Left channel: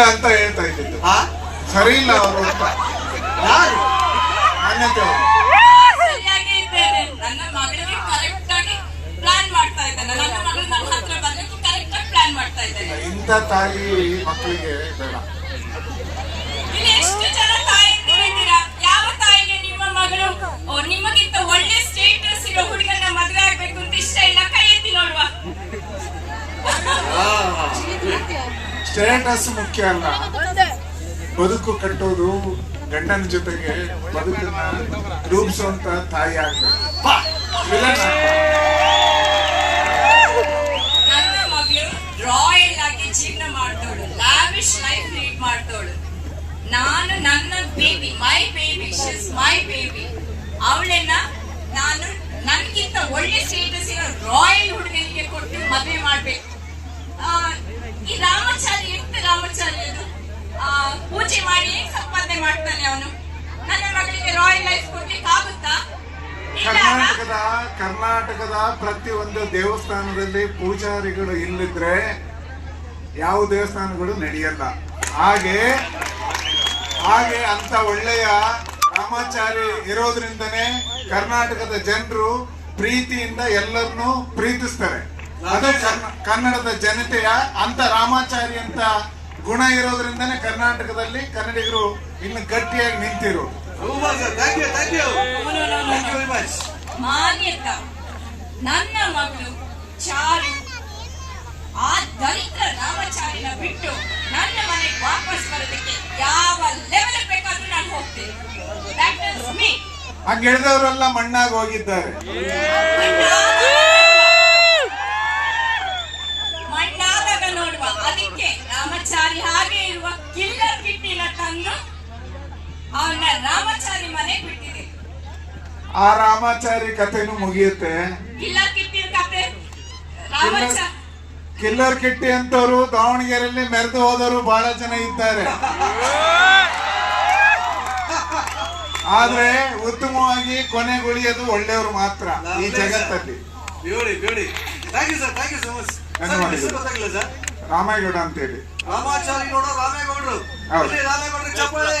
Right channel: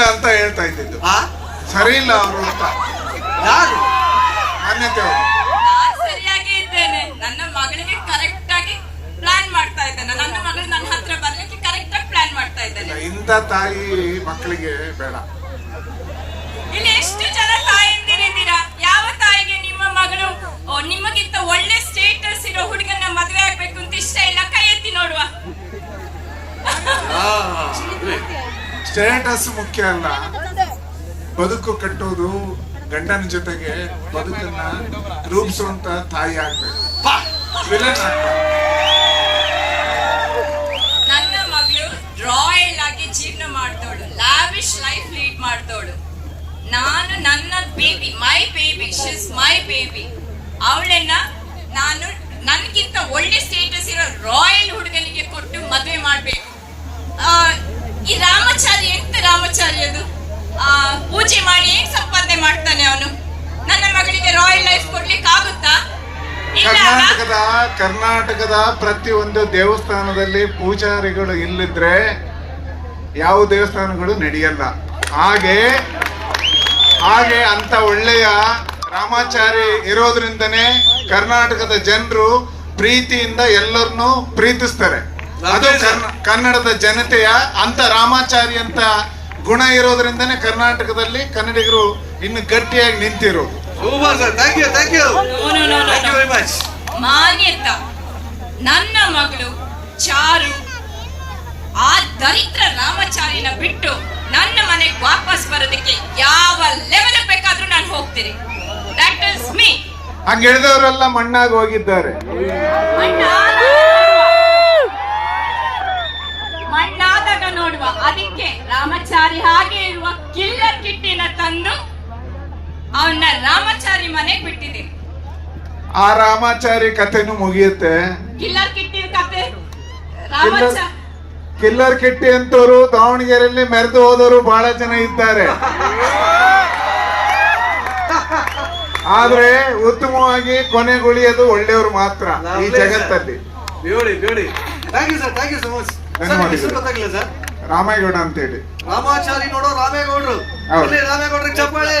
ಇಲ್ಲ ಅಂತ ಹೇಳ್ತಾ ಇದ್ದಿದ್ದು. ಆ? ಸರಿ ಇಲ್ಲ ಅವರು ಅಂತ. ಯಾರು? ಮಾನ್ಯತೆ ಅವರು. ಸರಿಯಾಗಿ ಇದ್ದೇನೆ. ನನ್ನ ಮಗಳಿಗೆ ಕರೆಕ್ಟ್ ಆಗಿ ಪ್ಲಾನ್ ಮಾಡ್ತಾ ಇದ್ದಾನೆ. ನನ್ನ ಮಗಳು ನನ್ನ ಹತ್ರ ಬರ್ಲಿಕ್ಕೆ ಕರೆಕ್ಟ್ ಆಗಿ ಪ್ಲಾನ್ ಮಾಡ್ತಾ ಇದ್ದಾನೆ ಇಂಥ ತಾಯಿ ಮಕ್ಕಳಿಗೆ ಬೇಡ. ಇಲ್ಲಿ ಎಷ್ಟು ಜನ ತಾಯಂದಿರಿದ್ದೀರಾ ಯಾವ ತಾಯಿಗೆ ನಿಮ್ಮ ಮಗಳು? ಓ, ನಿಮಗಿಂತ ಒಳ್ಳೆ ಸ್ಟೇಟಸ್ ಇರೋ ಹುಡುಗನ ಮದುವೆ ಆಗ್ಬೇಕು ಅಂತ ಇಷ್ಟ ಇಲ್ಲ. ಕೈ ಎತ್ತಿ ನೋಡುವ. ಆ, ಸ್ಟೇಟಸ್ ಮುಖ್ಯ ಅಲ್ಲ. ಬದುಕು ಕಟ್ಟೋದು ಗಂಡನ ಜೊತೆಗೆ ಬದುಕನ್ನ ರೂಪಿಸುವಂತ ತಾಯಿ ಆಗ್ಬೇಕು. ನನ್ನ ಮಗಳು ರಾಯಲ್ ಆಗಿ ಜೀವನ ಮಾಡ್ತೋಳು ಲಾವಿಶ್ ಲೈಫ್ ಲೀಡ್ ಮಾಡ್ತೋಳು ನಾನು ನನ್ನ baby my baby she's my baby ಅವಳನ್ನ ನಾನು ನನ್ಗಿಂತ ಒಳ್ಳೆ ಸ್ಟೇಟಸ್ ಇರೋ ರಾಯಲ್ ಹುಡುಗನಿಗೆ ಕೊಟ್ಟು ಮದುವೆ ಮಾಡ್ಬೇಕು. ಈ ಎಂತ ರಾಮಚಾರಿ ಅದು ಆ, ಪೂಜೆ ಮಾಡಿ ಸಂಪಾದನೆ ಮಾಡ್ತಾನೆ ಅವನು? ನನ್ನ ಮಗಳಿಗೆ ರಾಯಲ್ ಲೈಫ್ ಕೊಡ್ಲಿಕ್ಕೆ ಆಗುತ್ತಾ? ಕರ್ನಾಟಕದ ಕರ್ನಾಟಕದ ಪ್ರತಿಯೊಂದು ದೇವಸ್ಥಾನದಲ್ಲಿ ಪೂಜಾರಿಗಳು ಇಲ್ಲಿದ್ರೆ ಯಾವ ದೇವಸ್ಥಾನಗಳು ನಡೆಯಲ್ಲ. ಹಾಗೆ ಹಾಗೆ ಅಂತ ಒಳ್ಳೆಯ ರಾಮಾಚಾರಿ ಇರೋದ್ರಿಂದನೇ ಕರ್ನಾಟಕದ ಜನರು ಪ್ರೀತಿಯಿಂದ ಎಲ್ಲರನ್ನೂ ಪ್ರೀತಿಸ್ತಾರೆ. ಅದು ಕನ್ನಡದ ಜನತೆಯ ಅಂತ ರಾಮಾಚಾರಿ ಅಂತ ಗುಣ ಇರೋದ್ರಿಂದನೇ ಕರ್ನಾಟಕದಲ್ಲಿ ಕನ್ನಡಿಗರು ಇನ್ನು ಗಟ್ಟಿಯಾಗಿ ನಿಂತಿರೋದು. Super sir thank you thank you No, no, no, no, thank you much Manyata ನನ್ನ ಮಗಳು ಚಾರು ಆ ದರಿದ್ರ ರಾಮಚಾರಿನ ಬಿಟ್ಟು ನನ್ನ ಮನೆಗೆ ವಾಪಸ್ ಬರೋದಕ್ಕೆ ಯಾವ ಲೆವೆಲ್ ಬೇಕಾದ್ರೂ ನಾನು ಹೋಗ್ತೀನಿ. ದಟ್ ಇಸ್ ಮೀ ಹಂಗೆ ಹೇಳಿದವರೆಲ್ಲ ಮಣ್ಣಾಗಿ ಹೋಗಿದ್ದಾರೆ. ರಾಮಚಾರಿ ಹಾಗೆ ಇರುವ ಕಿಲ್ಲರ್ ಕಿಟ್ಟಿನ ತಂದು ಅವನ್ನ ರಾಮಚಾರಿ ಮನೆಗೆ ಬಿಟ್ಟಿದೆ. ಆ ರಾಮಾಚಾರಿ ಕಥೆನು ಮುಗಿಯುತ್ತೆ. ಕಿಲ್ಲರ್ ಕಿಟ್ಟಿನ ಕಥೆ ರಾಮಚಾರಿ ಕಿಲ್ಲರ್ ಕಿಟ್ಟಿ ಅಂತವರು ದಾವಣಗೆರೆಯಲ್ಲಿ ಮೆರೆದು ಹೋದವರು ಬಹಳ ಜನ ಇದ್ದಾರೆ. ಆದ್ರೆ ಉತ್ತಮವಾಗಿ ಕೊನೆಗುಳಿಯೋದು ಒಳ್ಳೆಯವರು ಮಾತ್ರ ಈ ಜಗತ್ತಲ್ಲಿ. Thank you sir thank you so much sir ನಿಮ್ಮ ಗೌಡ ಅಂತ ಹೇಳಿ. ರಾಮೇಗೌಡ ಅಂತೇಳಿ ರಾಮಾಚಾರಿ ನೋಡೋ ರಾಮೇಗೌಡರು. ಹೌದು. ರಾಮೇಗೌಡ್ರಿಗೆ ಚಪ್ಪಾಳೆ.